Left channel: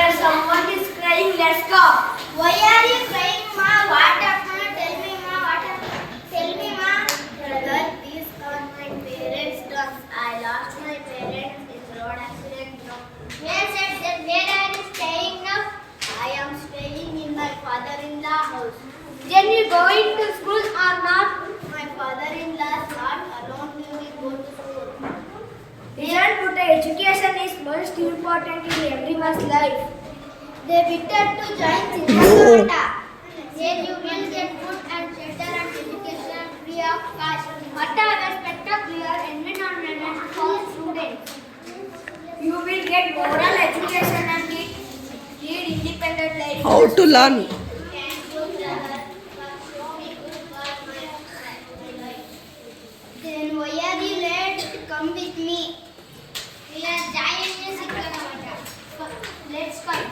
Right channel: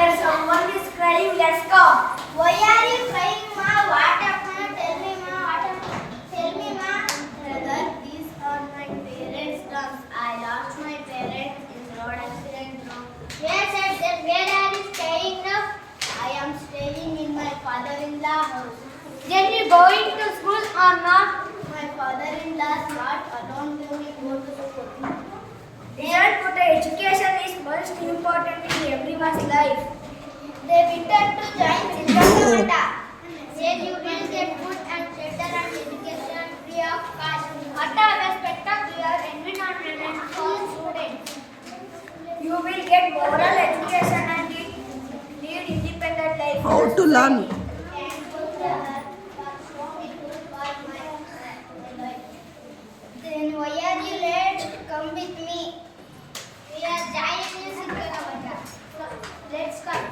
Where someone is crying, let's go. Why are you crying, ma? What happened? Tell me, ma. What happened? Tell me, ma. Brother, these are my parents' drums. I lost my parents in road accident. Yes, yes, then where are you staying now? I am staying in my father-in-law house. Then you going to school or not? My father-in-law is not alone to me go to school. Isn't put education is most important in everyone's life. They better to join Siddhartha. There you will get food and shelter and education free of cost. What are respect of your environment and all students? You will get moral education and lead independent life. How to learn? Then why are you late? Come with me. We are giant music. Let's come.